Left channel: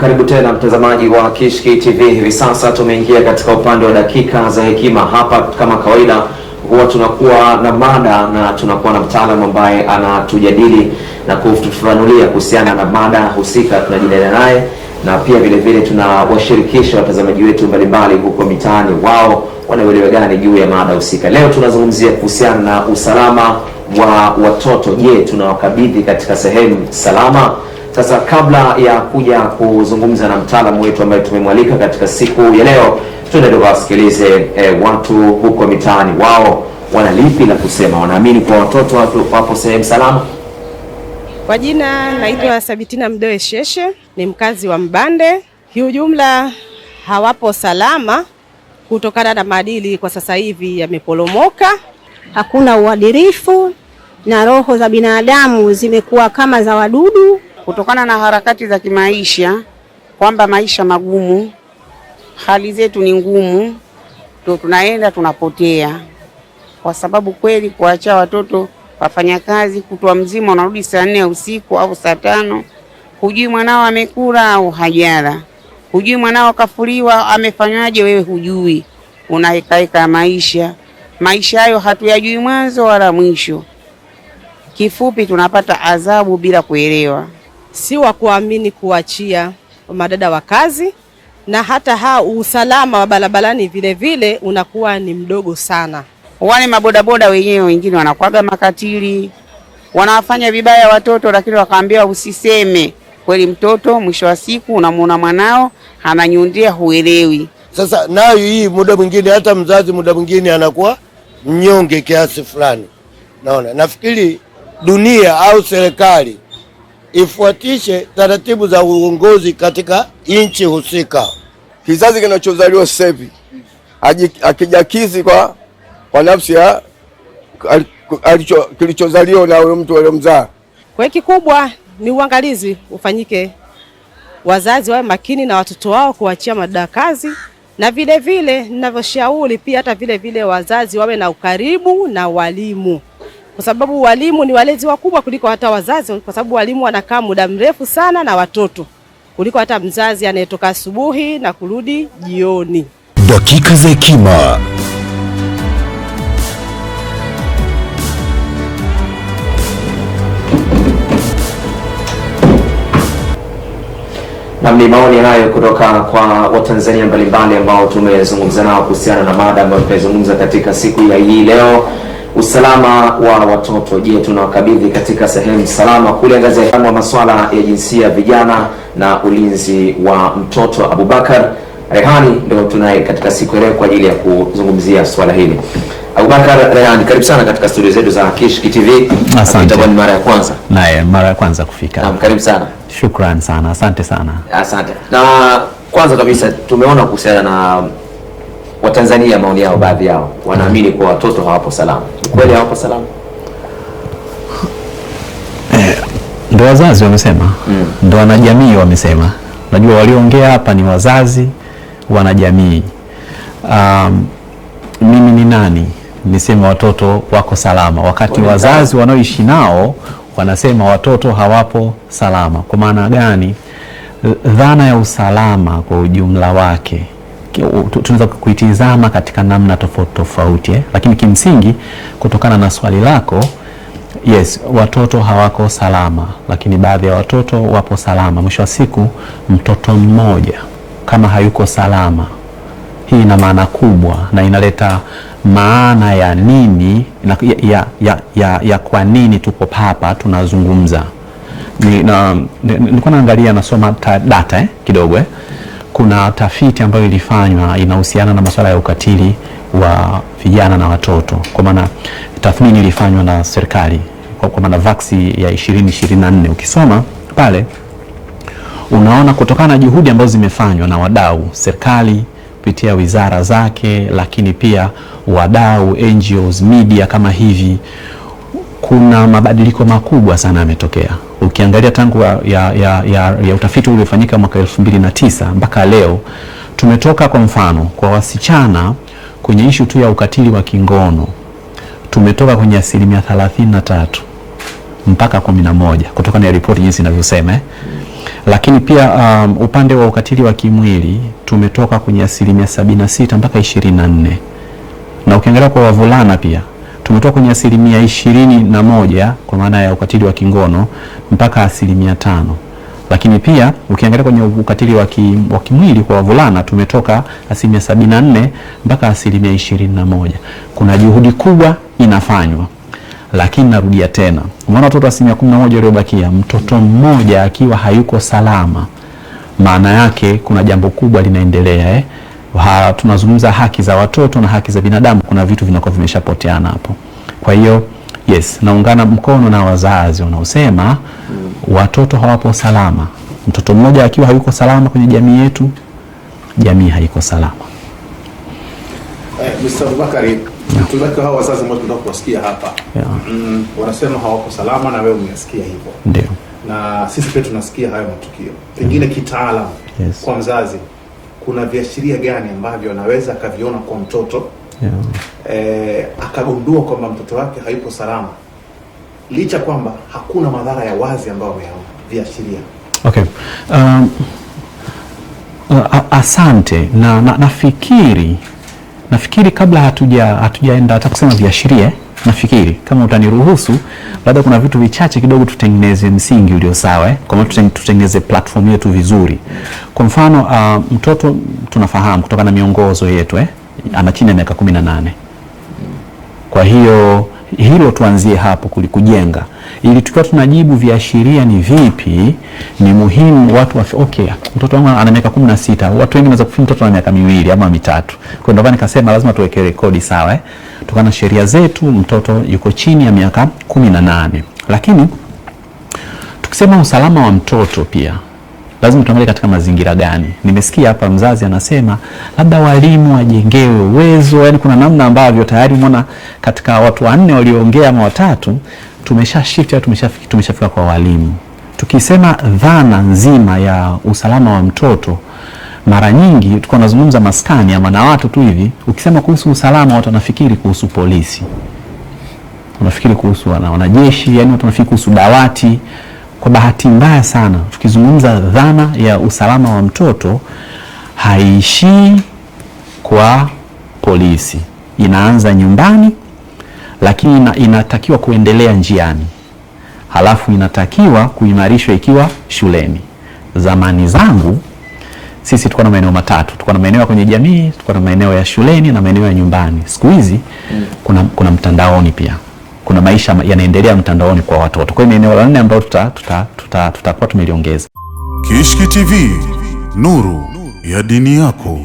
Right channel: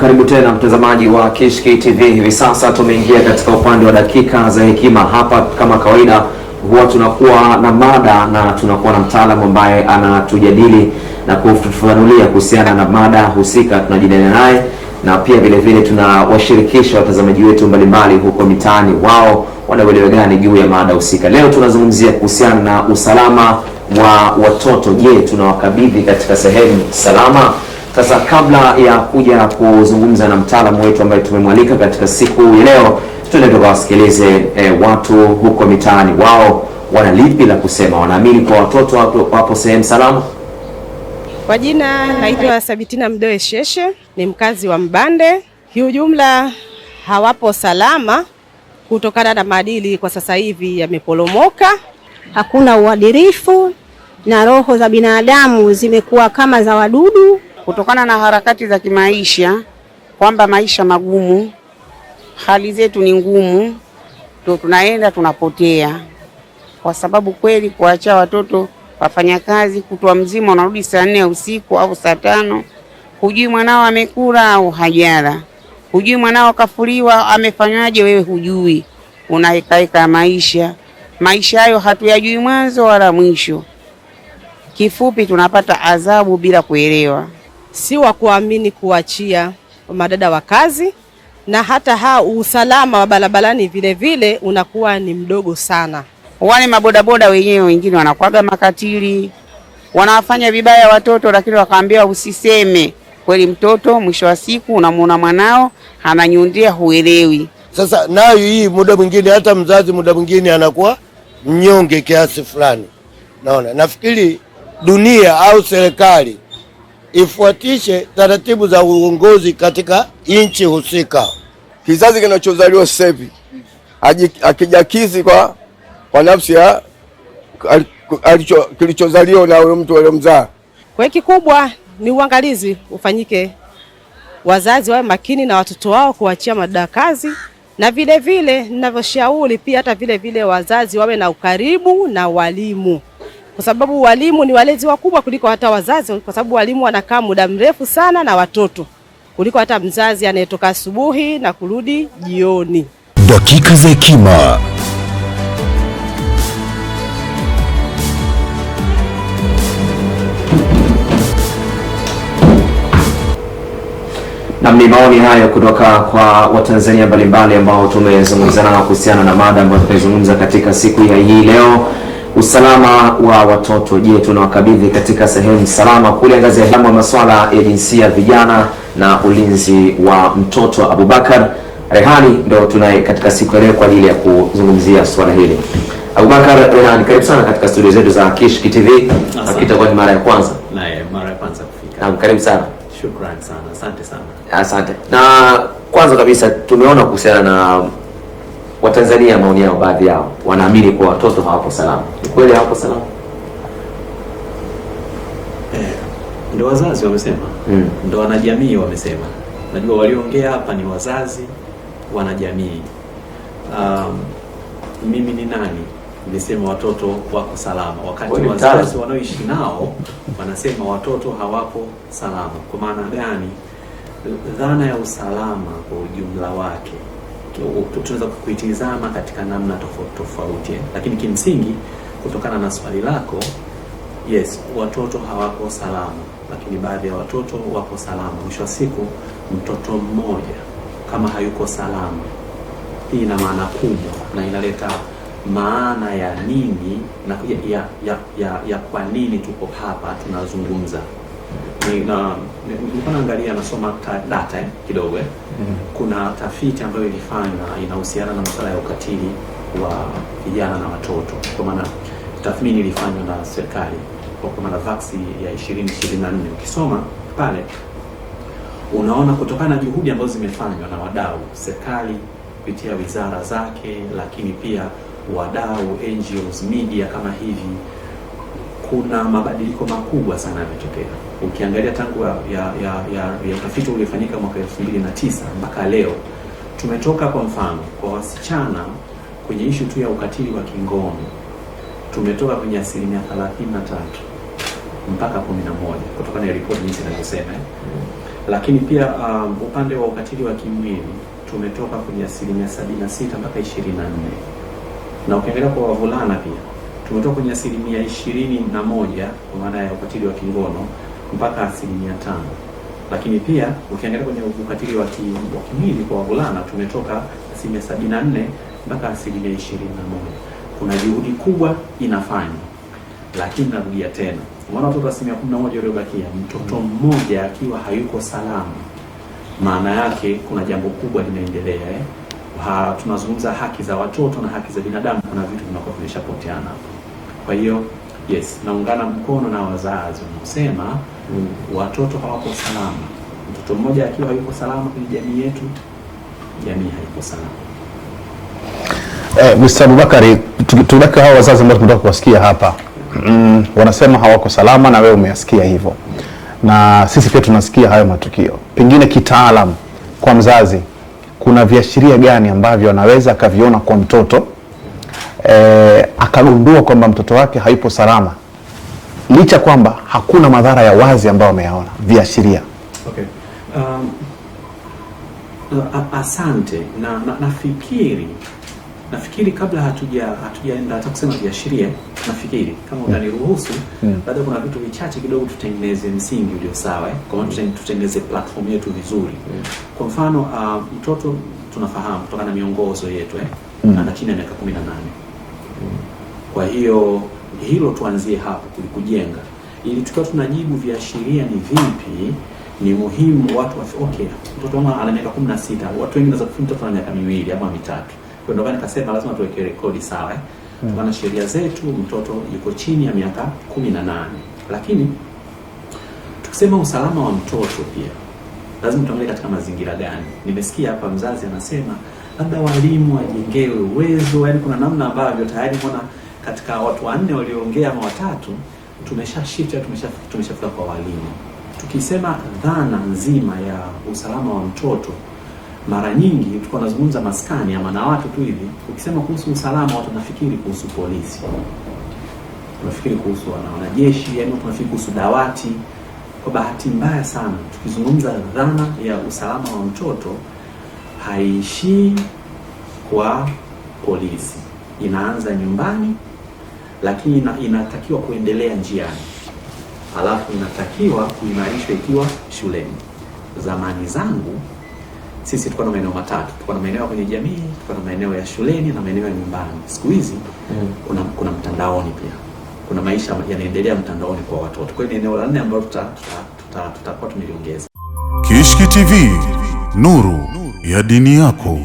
Karibu tena mtazamaji wa Kishki TV. Hivi sasa tumeingia katika upande wa dakika za hekima. Hapa kama kawaida huwa tunakuwa na mada na tunakuwa na mtaalamu ambaye anatujadili na kutufafanulia kuhusiana na mada husika tunajadiliana naye, na pia vile vile tunawashirikisha watazamaji wetu mbalimbali huko mitaani, wao wanaelewa gani juu ya mada husika. Leo tunazungumzia kuhusiana na usalama wa watoto. Je, tunawakabidhi katika sehemu salama? Sasa kabla ya kuja kuzungumza na mtaalamu wetu ambaye tumemwalika katika siku ya leo, tuende tukawasikilize watu huko mitaani, wao wana lipi la kusema. Wanaamini kwa watoto wapo sehemu salama? Kwa jina naitwa Sabitina Mdoe Sheshe, ni mkazi wa Mbande. Kiujumla hawapo salama kutokana na maadili kwa sasa hivi yameporomoka. Hakuna uadilifu na roho za binadamu zimekuwa kama za wadudu kutokana na harakati za kimaisha, kwamba maisha magumu, hali zetu ni ngumu, ndio tunaenda tunapotea. Kwa sababu kweli kuacha watoto wafanya kazi kutwa mzima, wanarudi saa 4 usiku au saa 5, hujui mwanao amekula au hajala, hujui mwanao kafuliwa amefanywaje, wewe hujui, unahekaeka maisha hayo hatuyajui mwanzo wala mwisho. Kifupi tunapata adhabu bila kuelewa. Si wa kuamini kuachia madada wa kazi, na hata usalama wa barabarani vile vile unakuwa ni mdogo sana. Wale mabodaboda wenyewe wengine wanakuaga makatili, wanawafanya vibaya watoto, lakini wakaambiwa usiseme. Kweli mtoto mwisho wa siku unamuona mwanao ananyundia, huelewi. Sasa nayo hii muda mwingine hata mzazi muda mwingine anakuwa mnyonge kiasi fulani. Naona nafikiri dunia au serikali ifuatishe taratibu za uongozi katika nchi husika. Kizazi kinachozaliwa sasa hivi akijakizi kwa nafsi ya kilichozaliwa na huyo mtu aliyomzaa. Kwa kikubwa ni uangalizi ufanyike, wazazi wawe makini na watoto wao kuachia madada kazi, na vile vile ninavyoshauri pia hata vile vile wazazi wawe na ukaribu na walimu, kwa sababu walimu ni walezi wakubwa kuliko hata wazazi, kwa sababu walimu wanakaa muda mrefu sana na watoto kuliko hata mzazi anayetoka asubuhi na kurudi jioni. Dakika za hekima. Na ni maoni hayo kutoka kwa Watanzania mbalimbali ambao tumezungumza nao kuhusiana na mada ambayo tunazungumza katika siku ya hii leo. Usalama wa watoto, je, tunawakabidhi katika sehemu salama? Kuliangazia masuala ya jinsia, vijana na ulinzi wa mtoto. Abubakar Rehani ndio tunaye katika siku ya leo kwa ajili ya kuzungumzia swala hili. Abubakar Rehani, karibu sana katika studio zetu za Kishki TV. Itakuwa ni mara ya kwanza. Naye mara ya kwanza kufika. Naam, karibu sana. Shukrani sana. Asante sana. Asante. Na kwanza kabisa tumeona kuhusiana na Watanzania, maoni yao, baadhi yao wanaamini kwa watoto hawapo salama. Kweli hawapo salama? Ndio wazazi wamesema. Ndio wanajamii wamesema. Najua waliongea hapa ni wazazi, wanajamii. Mimi ni nani nisema watoto wako salama wakati wazazi wanaoishi nao wanasema watoto hawapo salama? Kwa maana gani? Dhana ya usalama kwa ujumla wake tunaweza kuitizama katika namna tofauti, lakini kimsingi kutokana na swali lako, yes, watoto hawako salama, lakini baadhi ya watoto wapo salama. Mwisho wa siku mtoto mmoja kama hayuko salama, hii ina maana kubwa na inaleta maana ya nini ya kwa nini tupo hapa tunazungumza. Nilikuwa naangalia, nasoma data kidogo. Kuna tafiti ambayo ilifanywa inahusiana na masuala ya ukatili wa vijana na watoto. Kwa maana tathmini ilifanywa na serikali kwa maana vaksi ya 2024. Ukisoma pale unaona kutokana na juhudi ambazo zimefanywa na wadau, serikali kupitia wizara zake, lakini pia wadau, NGOs, media kama hivi, kuna mabadiliko makubwa sana yametokea. Ukiangalia tangu ya utafiti uliofanyika mwaka 2009 mpaka leo, tumetoka kwa mfano kwa wasichana kwenye ishu tu ya ukatili wa kingono, tumetoka kwenye 33% mpaka 11% kutokana na ripoti jinsi inavyosema. Lakini pia upande wa ukatili wa kimwili tumetoka kwenye 76% mpaka 24%. Na ukiangalia kwa wavulana pia tumetoka kwenye 21% kwa maana ya ukatili wa kingono mpaka 5%. Lakini pia ukiangalia kwenye ukatili wa kimwili kwa wavulana tumetoka 74% mpaka 21%. Kuna juhudi kubwa inafanywa. Lakini narudia tena, umeona watoto 11% waliobakia, mtoto mmoja akiwa hayuko salama, maana yake kuna jambo kubwa linaendelea. Tunazungumza haki za watoto na haki za binadamu, kuna vitu vinakuwa vimeshapoteana hapo. Kwa hiyo yes, naungana mkono na wazazi wanaosema watoto hawapo salama. Mtoto mmoja akiwa hayuko salama kwenye jamii yetu, jamii haiko salama. Mr. Abubakari, tuleka hao wazazi ambao tunataka kuwasikia hapa. Wanasema hawako salama na wewe umeyasikia hivyo. Ndio. Na sisi pia tunasikia hayo matukio. Pengine kitaalamu, kwa mzazi kuna viashiria gani ambavyo anaweza akaviona kwa mtoto akagundua kwamba mtoto wake haipo salama licha kwamba hakuna madhara ya wazi ambayo ameyaona? Viashiria. Okay. Asante. Nafikiri kabla hatujaenda hata kusema viashiria, nafikiri kama utaniruhusu baada kuna vitu vichache kidogo tutengeneze msingi ulio sawa, kama tutengeneze platform yetu vizuri. Kwa mfano mtoto tunafahamu kutoka na miongozo yetu ana chini ya miaka 18. Kwa hiyo hilo tuanzie hapo kujenga, ili tukiwa tunajibu viashiria ni vipi, ni muhimu watu okay, mtoto wangu ana miaka 16, watu wengi wanaweza kufikiri mtoto ana miaka 2 ama 3. Kwa ndio maana nikasema lazima tuweke rekodi sawa, tukana sheria zetu mtoto yuko chini ya miaka 18. Lakini tukisema usalama wa mtoto pia lazima tuangalie katika mazingira gani. Nimesikia hapa mzazi anasema labda walimu wajengewe uwezo, yani kuna namna ambavyo tayari umeona katika watu 4 walioongea ama 3 tumeshafika kwa walimu. Tukisema dhana nzima ya usalama wa mtoto, mara nyingi tulikuwa tunazungumza maskani ama na watu tu hivi, ukisema kuhusu usalama watu wanafikiri kuhusu polisi, wanafikiri kuhusu wanajeshi, yani watu wanafikiri kuhusu dawati. Kwa bahati mbaya sana tukizungumza dhana ya usalama wa mtoto haishii kwa polisi, inaanza nyumbani, lakini inatakiwa kuendelea njiani, halafu inatakiwa kuimarishwa ikiwa shuleni. Zamani zangu sisi tulikuwa na maeneo matatu, tulikuwa na maeneo kwenye jamii, tulikuwa na maeneo ya shuleni na maeneo ya nyumbani. Siku hizi kuna mtandaoni pia, kuna maisha yanaendelea mtandaoni kwa watoto. Kwa hiyo eneo la 4 ambalo tutakuwa tumeliongeza. Kishki TV, nuru ya dini yako.